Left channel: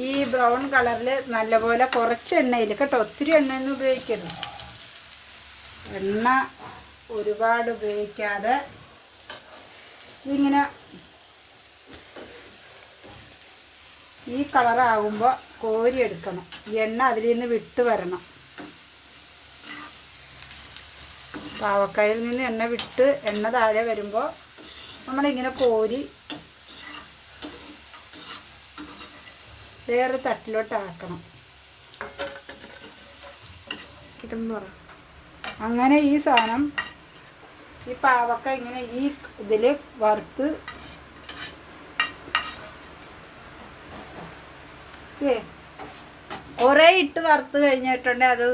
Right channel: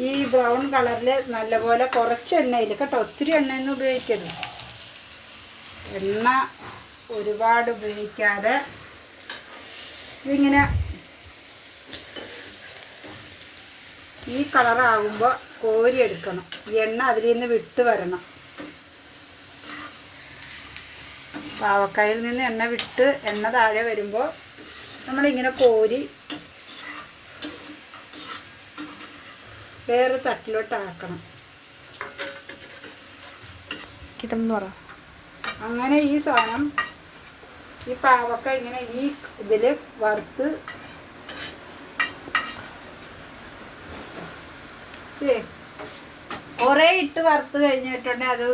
ഈ ബ്രൗൺ കളറിൽ നല്ലപോലെ കുറച്ച് എണ്ണയിൽ കേട്ടോ, ഒത്തിരി എണ്ണയൊന്നും ഉപയോഗിക്കരുത്. എണ്ണ ഒരുപാട് ഉപയോഗിക്കാതെ ഇതിങ്ങനെ ഈ കളറാകുമ്പോൾ കോരിയെടുക്കണം. ഈ എണ്ണ അതിൽ നിന്ന് വിട്ട് വരണം. പാവക്കായിൽ നിന്ന് എണ്ണ വിട്ട് എണ്ണ താഴെ വരുമ്പോൾ നമ്മളിങ്ങനെ കോരി വേറെ തട്ടിലോട്ട് ആക്കണം. അങ്ങനെ ഈ സാധനം ഈ പാവക്ക ഇങ്ങനെ ഈ ഇതിൽ വറുത്ത് കുറേ ഇട്ട് വറുത്ത് കഴിഞ്ഞിട്ടുണ്ടെങ്കിൽ അത്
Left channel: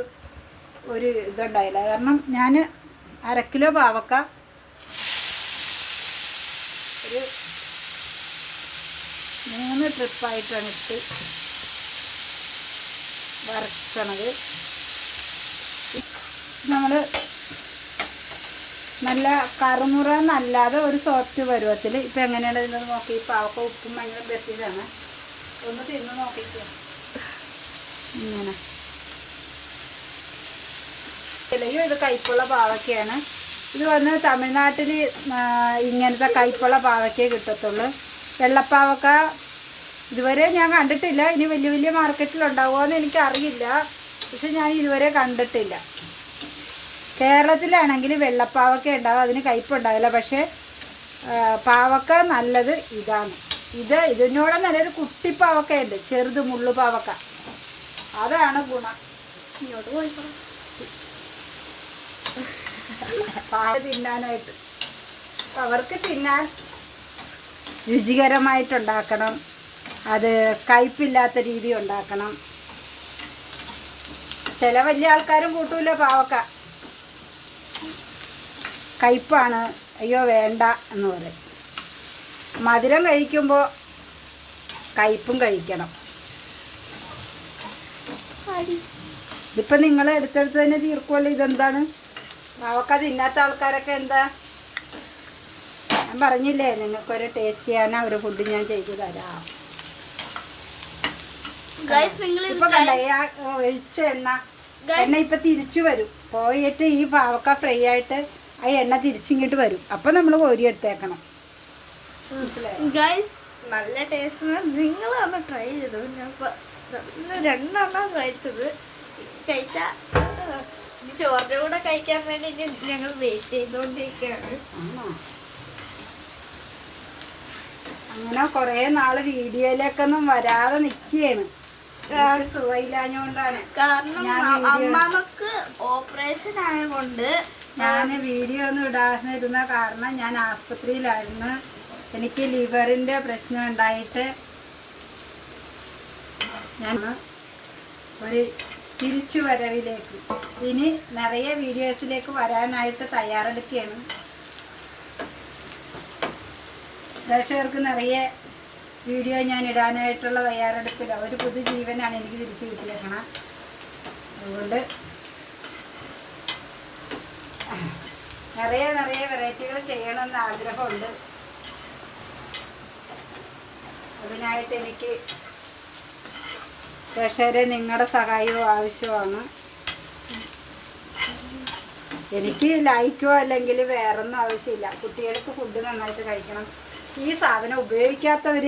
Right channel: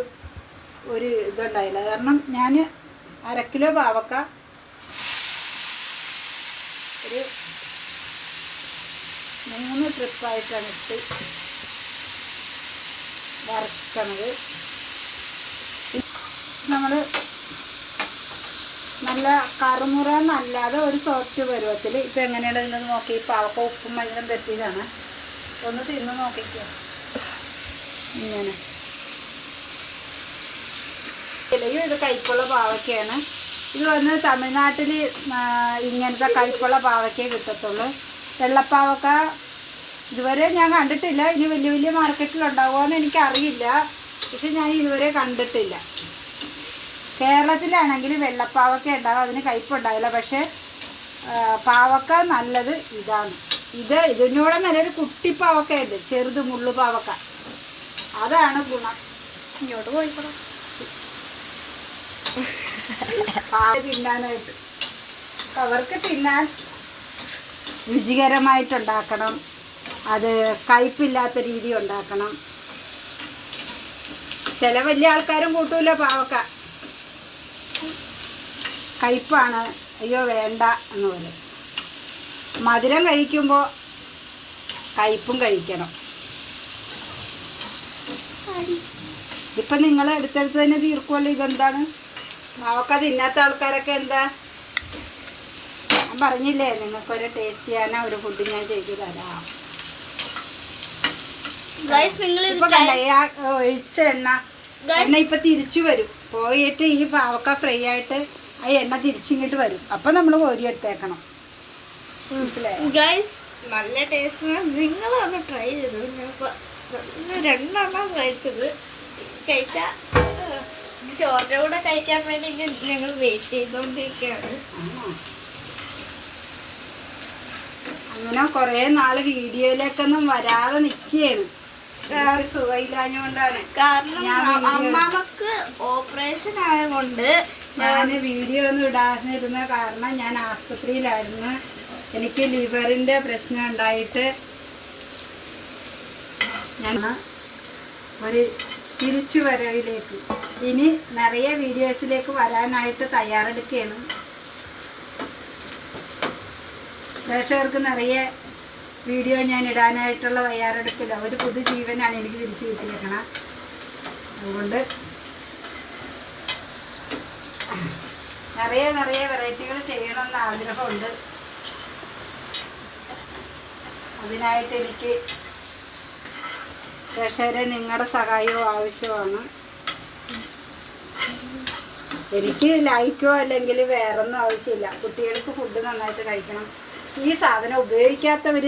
ഒരു ഇതുണ്ടായില്ല. കാരണം ഞാൻ 1/2 കിലോ പാവക്ക ഒരു 3 ട്രിപ്പായിട്ടാണ് ഇട്ട് വറുക്കണത്. നമ്മൾ നല്ല കറുമുറന്നല്ലാതെ ഒരു സോഫ്റ്റ് പരുവത്തിൽ ഇപ്പം എങ്ങനെയാണ് ഇതിലൊന്ന് നോക്കി. പാവക്ക ഉപ്പും മഞ്ഞളും പറ്റിയതാണ്. ഒന്ന് തിന്ന് നോക്കിക്കോ. ഇങ്ങനെ ഇലയും ഇത് കയ്പുള്ള പാവക്കയാണ്. ഇത് വന്ന് തമിഴ്നാട്ടിൽ ഇങ്ങനത്തെ കയ്പുള്ള പാവക്കയെ കിട്ടത്തുള്ളൂ. വെള്ളപ്പാവക്ക ഇതുവരെ ഞാൻ കണ്ടിട്ടില്ല. ഇനി വലിയ വലിയ മാർക്കറ്റിലുണ്ടാകുമോ എന്ന് എനിക്കറിയില്ല. പക്ഷെ ഞാൻ ഇതുവരെ കണ്ടിട്ടില്ല. കേരളത്തിലാണെങ്കിൽ വെള്ളപ്പാവക്ക ഉണ്ടാകും, അതിന് കയ്പുണ്ടാവില്ല. പക്ഷേ പാവക്ക നല്ലത് ഇതാണ്. ഇതിനോടെ നല്ലൊരു കുട്ടിപ്പാവക്ക ഉണ്ട്, ചെറുത് മുള്ളു പാവക്ക. അതാണ് ഗുണം. ഇങ്ങോട്ട് പോയിക്കോളാം തിന്നാനായിട്ട്. അവർക്ക് തിന്നാൻ രുചികരമായിട്ടുണ്ടാക്കണം. അത് കയ്പില്ലാത്ത രീതി ഉണ്ടാക്കണം. ചില വലിയ ആൾക്കാരും കൂട്ടൂല പാവക്ക, കയ്പാണ്, അയ്യോ വേണ്ട എന്ന് പറയും. മധുരം കഴിക്കുമ്പോൾ കയ്പും കഴിക്കണം. ഇപ്പം നിങ്ങൾ എടുത്തെടുത്ത് തന്നെ തീർക്കുമല്ലോ. ഇതെന്താണ് പാവക്ക തിന്നാത്ത ആൾക്കാരൊക്കെ എന്താ? ഞാൻ പറഞ്ഞില്ലേ നിങ്ങൾക്കൊരു ടേസ്റ്റ് ചെയ്യാനാ ഒരു ഫുഡ് ഞാൻ ചെയ്തു തരാം. ഒഴിച്ച എണ്ണ ഇപ്പൊ തിരിച്ചു വരും. പോയിട്ട് ഈ പാവക്ക ഫ്രൈ ആയിട്ട് ആ എണ്ണ തിരിച്ചിങ്ങോട്ട് വരും. അപ്പൊ നമ്മൾ കോരി എടുത്തേക്കണം. നല്ല ടേസ്റ്റ്. നിങ്ങൾ ഒന്ന് ട്രൈ ചെയ്തു. ഞാൻ 2 കഴിച്ചത്. കഴിച്ച ചോറിന്റെ കൂടെ കഴിക്കാൻ വേണ്ടി ഞങ്ങൾ വെയിറ്റ് ചെയ്തോണ്ടിരിക്കുകയാണ്. അങ്ങനെ കൊറേ നാള് വീഡിയോയിലൊക്കെ ഒന്നും വരാതെ നിക്കുകയാണ്. സുഖമില്ലാഞ്ഞോണ്ടാണ്. കാരണം അമ്മാമക്ക് ഓപ്പറേഷൻ ആയതുകൊണ്ട് ഞാൻ വീഡിയോ ഒന്നും ഇടാതിരുന്ന കാരണം ഞാൻ ആസ്പത്രിയിലായിരുന്നു. എനിക്ക് ലിവറിന്റെ പ്രശ്നം ഉണ്ടായിട്ട് ഞാൻ ഒരു തിരിച്ചു വരവിലേക്ക് ഇനി നിറയെ വീഡിയോസിലേക്ക് വരാനായിട്ട് തയ്യാറെടുക്കുകയാണ്. പ്രേക്ഷകർക്ക് നിറയെ വീഡിയോ ഞാൻ ഇടാനായിട്ടുള്ള തയ്യാറെടുപ്പില്ല. ഒരു പുതുജീവനാണ് എനിക്ക് തിരിച്ചു വീട്ടിലേക്കണം. അതുകൊണ്ട് നിറയെ വെറൈറ്റികൾ ചെയ്യണമെന്ന് ആഗ്രഹമുണ്ട്. അതിനായിട്ട് എനിക്ക് പ്രേക്ഷകരെ നിങ്ങളുടെ സഹായവും ആവശ്യമാണ്. എനിക്ക് ലൈക്കോ അല്ലെങ്കിൽ വേറൊന്നും ആവശ്യമില്ല. കുട്ടികൾക്ക് ഫുഡ് നന്നായിട്ട് കഴിക്കണം. ഈ സാധനം ഉപയോഗിക്കാത്തവർ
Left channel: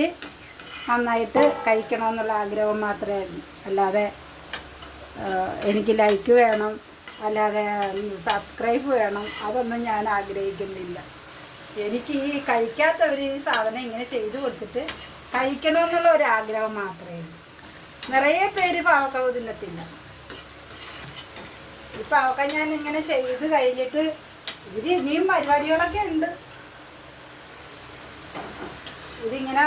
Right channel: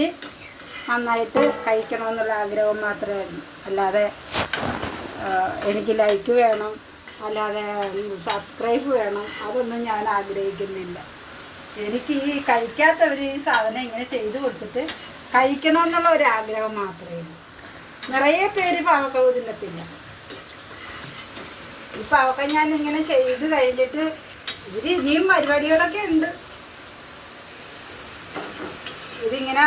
നന്നായിട്ട് കഴിക്കണമെന്നുള്ള ആഗ്രഹം മാത്രമായിരുന്നു. അല്ലാതെ എനിക്ക് ലൈക്ക് വേണം, അല്ലാതെ സബ്സ്ക്രൈബ് വേണം, അതൊന്നും ഞാൻ ആഗ്രഹിക്കുന്നില്ല. എനിക്ക് ഈ കഴിക്കാത്തവർ ഈ സാധനം ഇങ്ങനെ ചെയ്തു കൊടുത്തിട്ട് കഴിക്കണമെന്നുള്ള ഒരാഗ്രഹം മാത്രമേ ഉള്ളൂ. നിറയെ പേര് പാവക്ക തിന്നത്തില്ല. ഈ പാവക്ക ഞാൻ ഇങ്ങനെ ചെയ്ത് കഴിഞ്ഞിട്ട് ഇതിൽ ഇനിയും പരിപാടികളൊക്കെ ഉണ്ട്. ഇതിങ്ങനെ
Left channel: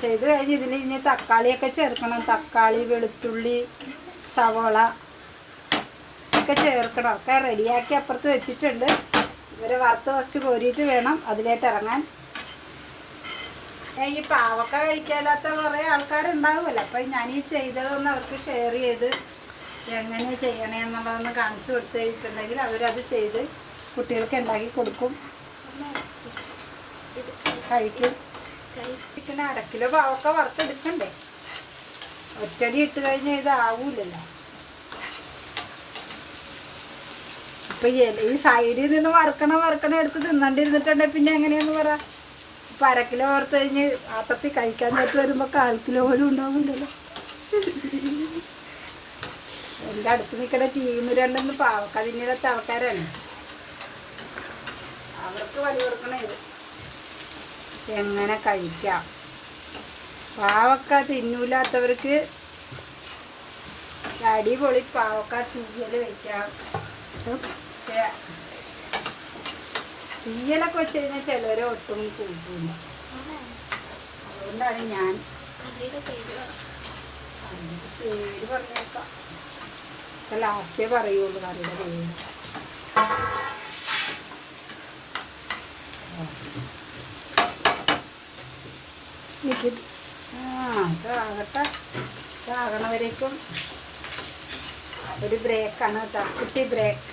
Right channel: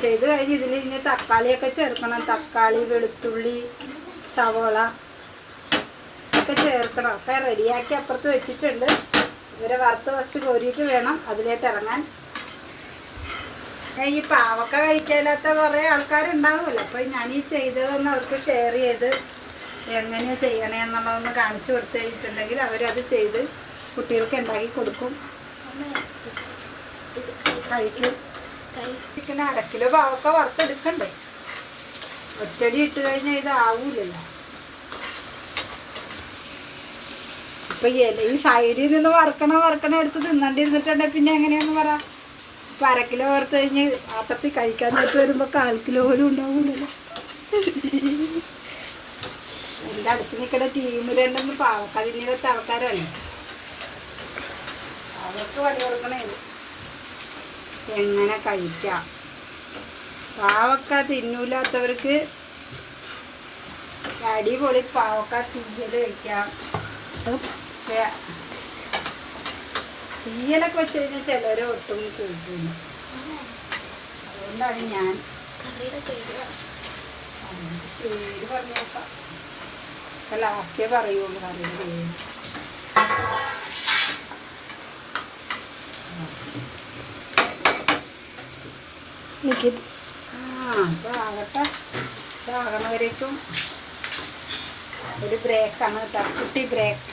ചെയ്ത് കഴിഞ്ഞ് ഇതിൽ ഇനി തക്കാളിയൊക്കെ ചേർക്കണം. തക്കാളി, വെളുത്തുള്ളി, സവോള ഒക്കെ ചേർക്കണം. ഒക്കെ റെഡിയാക്കി അപ്പുറത്ത് വെച്ചിട്ടുണ്ട്. ഇവരെ വറുത്ത് കുറച്ച് കോരിയിട്ട് വേണം അതിലേക്ക് ഇറങ്ങാൻ. ഈ പാവക്ക കഴിക്കാത്ത കുറേ ആൾക്കാരുണ്ടാകുമല്ലോ. അപ്പോൾ ഞാൻ ഈ ചെയ്തതൊന്ന് അവർക്ക് ഷെയർ ചെയ്ത് എങ്ങനെ ചെയ്യണേ എന്നുള്ളതൊന്ന് കാണിച്ചു കൊടുത്തു കഴിഞ്ഞിട്ടുണ്ടെങ്കിൽ അവരത് ചെയ്ത് കുട്ടികൾക്ക് ഉണ്ടാക്കി കൊടുക്കും, കഴിക്കും. ചിക്കൻ 1/2 കിലോ പാവക്ക വറുത്തെടുക്കണ്ടേ? ഒറ്റടി ഇട്ട് കഴിഞ്ഞാൽ ഇതാവൂലല്ലോ. ഇപ്പൊ ഈ സൈഡിൽ നിന്ന് വറക്കണ എടുത്ത് തിന്നണ്ടിരുന്നിട്ടുണ്ടെങ്കിൽ പിന്നെ എങ്ങനെയാന്ന് പറ. ഇപ്പൊ 1/2 കിലോ വറുത്ത് കഴിഞ്ഞ് ആട്ടത്തിൽ കഴിക്കാൻ പറ്റി വരുമ്പോ 1/4 കിലോ പോലും ഉണ്ടാവൂലല്ലോ. എൻ്റെ അടുത്ത് നിൽക്കുന്ന ടീം രണ്ടൊന്ന് പാവക്ക തിന്നി വെച്ച ആൾക്കാരാണ്. അവർക്ക് വഴി കൊടുക്കണേ ഇത് എങ്ങനെ കഴിക്കാം. പാവക്ക തിന്നൂലാത്തവർക്ക് അടിപൊളി പാവക്ക തീയൽ കഴിക്കാം. പക്ഷേ തീയലൊക്കെ വെച്ച് കഴിഞ്ഞാൽ ചിലര് ഒട്ടും കഴിക്കില്ല. അതുകൊണ്ടാണ് ഞാൻ പേര് പറഞ്ഞു നോക്കാം. അപ്പൊ ലാസ്റ്റേ പറയുള്ളൂ കറിയുടെ പേര്. ഇതാകട്ടെ. ഇതാകണവരേക്കും ഒരു ബ്രേക്കാണ് കേട്ടോ, കുട്ടി ബ്രേക്ക്.